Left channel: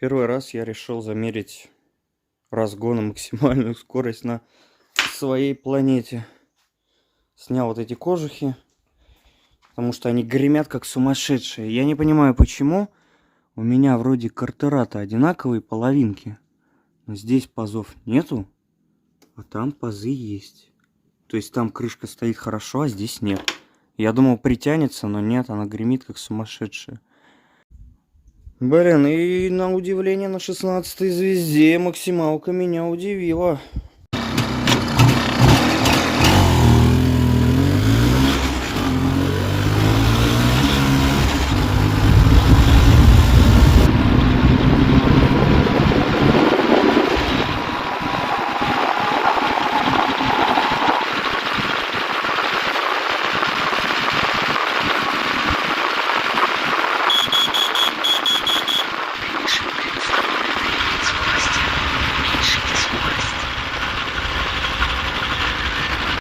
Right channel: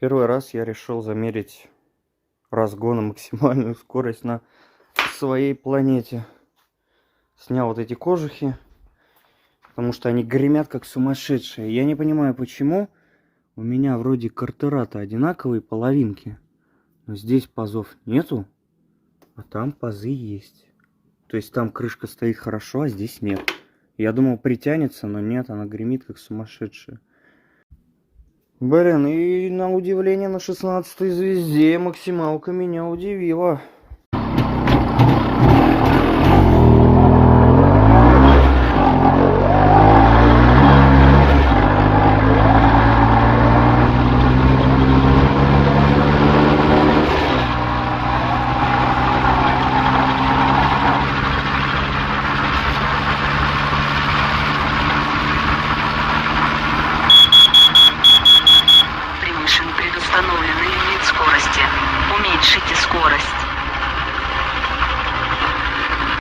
Первый раз я решил замерить разгон и максимальную скорость на своей планете. Снял вот эти кожухи, потому что они гремят как сумасшедшие. Я не понимаю, почему у меня вроде картера-то одинаковые половинки, но здесь пазов нету, а там пазы есть. То есть там крышка стоит хорошо, а здесь нет. Я думал, притянется, но нет, она гремит как сумасшедшая. Блин, и на удивление на 16-й звезде максималка меня удивила.